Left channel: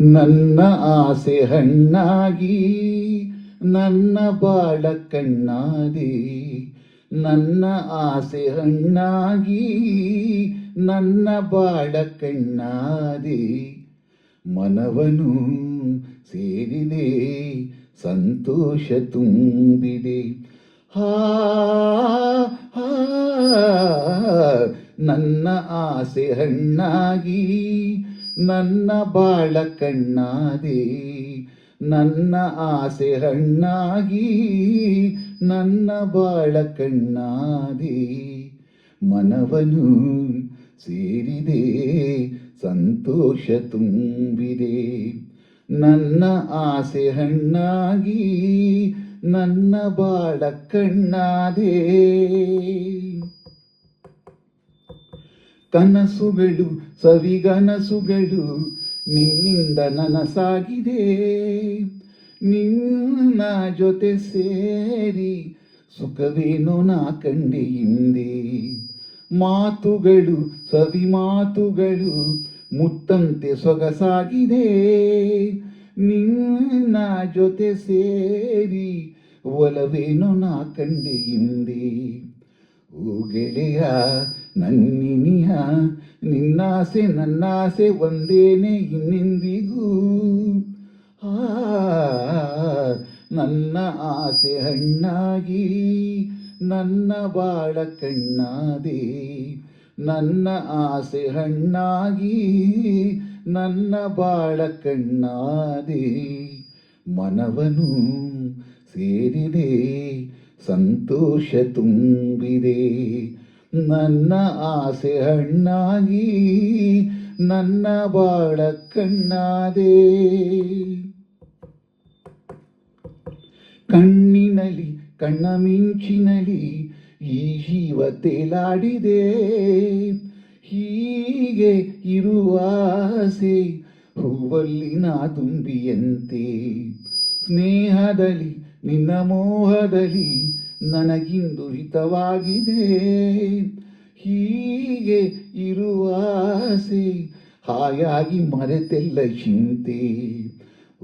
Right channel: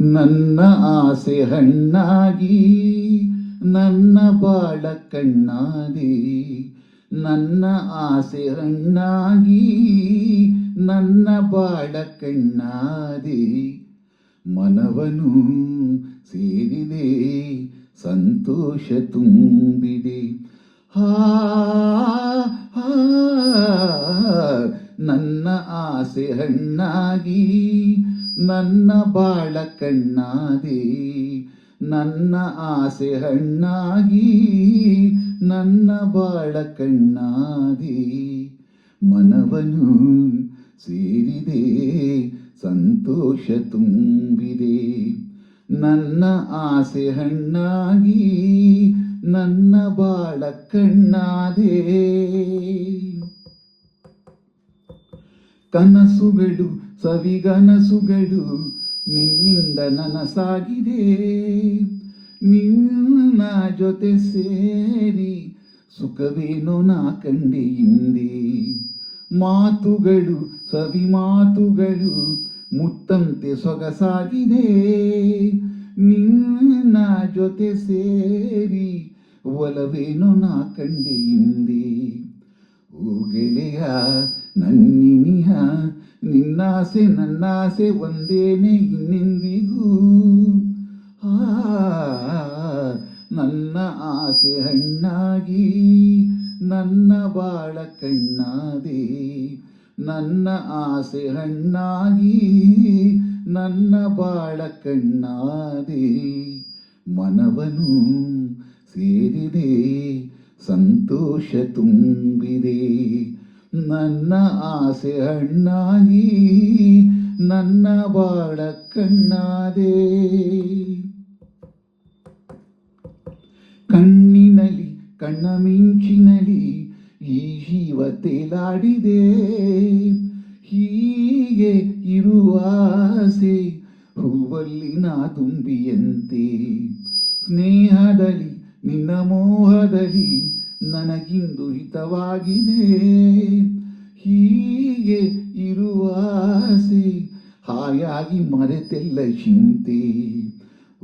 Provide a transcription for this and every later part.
ನನ್ನ ಆಸೆ ಹಣ್ಣಾಗಿ ನನ್ನ ಬಾಳ ಕಣ್ಣಾಗಿ ನನ್ನ ಆಸೆ ಹಣ್ಣಾಗಿ ನನ್ನ ಬಾಳ ಕಣ್ಣಾದಿ. ಮನವನು ಸೇರಿದೆ ಸಂತೋಷ ತುಂಬಿದೆ. ಹಾ ಹಾ, ನನ್ನ ಆಸೆ ಹಣ್ಣಾಗಿ, ನನ್ನ ಬಾಳ ಕಣ್ಣಾದಿ. ನನ್ನ ಆಸೆ ಹಣ್ಣಾಗಿ, ನನ್ನ ಬಾಳ ಕಣ್ಣಾದಿ. ಮನವನು ಸೇರಿದೆ, ಸಂತೋಷ ತುಂಬಿದೆ. ನನ್ನ ಆಸೆ ಹಣ್ಣಾಗಿ, ನನ್ನ ಬಾಳ ಕಣ್ಣಾದೆ. ಕನಸುಗಳು ಸವಿಗನಸುಗಳು ನಿನ್ನಿಂದ ನನಸಾಗಿದೆ. ನಿನ್ನ ಜೊತೆ ಸೇರಿ ಸುಖವೇನೋ ನಾ ಕಂಡೆ ಹಿಂದೆ. ಮಾತುಗಳು ಸವಿ ಮಾತುಗಳು ಮುತ್ತಂತೆ ಸೊಗಸಾಗಿದೆ. ನಿನ್ನ ಜೊತೆ ಸೇರಿ ಒಲವೇನೋ ನಾ ಕಂಡೆ ಹಿಂದೆ. ಓ ಗೆಳೆಯ ನನ್ನಿನಿಯ, ನಿನ್ನಾಸೆ ನನ್ನಾಸೆ ಒಂದೇನೆ ಇನ್ನೆಂದಿಗೂ. ನನ್ನ ಆಸೆ ಹಣ್ಣಾಗಿ, ನನ್ನ ಬಾಳ ಕಣ್ಣಾದೆ. ನನ್ನ ಆಸೆ ಹಣ್ಣಾಗಿ, ನನ್ನ ಬಾಳ ಕಣ್ಣಾದೆ. ಮನವನು ಸೇರಿದೆ ಸಂತೋಷ ತುಂಬಿದೆ. ನನ್ನ ಆಸೆ ಹಣ್ಣಾಗಿ, ನನ್ನ ಬಾಳ ಕಣ್ಣಾದೆ. ಕಣ್ಣಿನಲ್ಲಿ, ಕಣ್ಣ ಮಿಂಚಿನಲ್ಲಿ ಈ ಜೀವ ತೇಲಾಡಿದೆ. ಹೀಗೆ ಇರುವಾಸೆ ಆಸೆ ನಾ ತುಂಬಿಯಂತೆ. ಸ್ನೇಹದಲ್ಲಿ ನಿನ್ನ ಮೋಹದಲ್ಲಿ ನನಗಿಂದು ಹಿತವಾಗಿದೆ. ಹೀಗೆ ಇರುವಾಸೆ ಹಾಯಾಗಿ ಮರೆತೆಲ್ಲ ಚಿಂತೆ.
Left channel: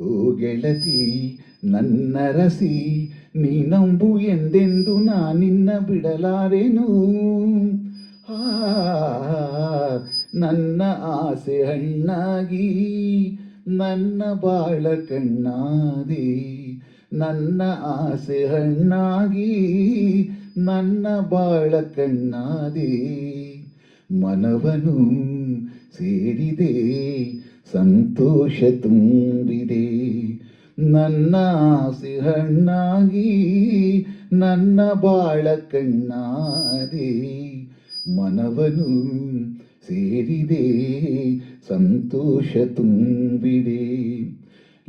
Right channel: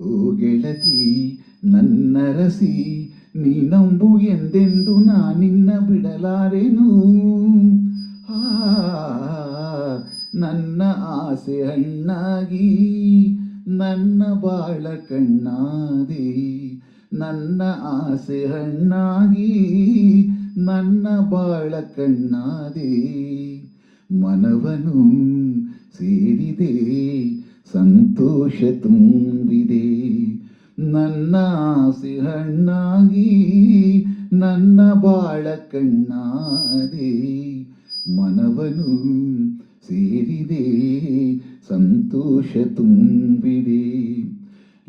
ಓ ಗೆಳತಿ ನನ್ನ ರಸಿ ನೀ ನಂಬು ಎಂದೆಂದು ನಾ ನಿನ್ನ ಬಿಡಲಾರೆನು? ನನ್ನ ಆಸೆ ಹಣ್ಣಾಗಿ, ನನ್ನ ಬಾಳ ಕಣ್ಣಾದಿ. ನನ್ನ ಆಸೆ ಹಣ್ಣಾಗಿ, ನನ್ನ ಬಾಳ ಕಣ್ಣಾದಿ. ಮನವನು ಸೇರಿದೆ, ಸಂತೋಷ ತುಂಬಿದೆ. ನನ್ನ ಆಸೆ ಹಣ್ಣಾಗಿ, ನನ್ನ ಬಾಳ ಕಣ್ಣಾದಿ. ಮನವನು ಸೇರಿದೆ, ಸಂತೋಷ ತುಂಬಿದೆ.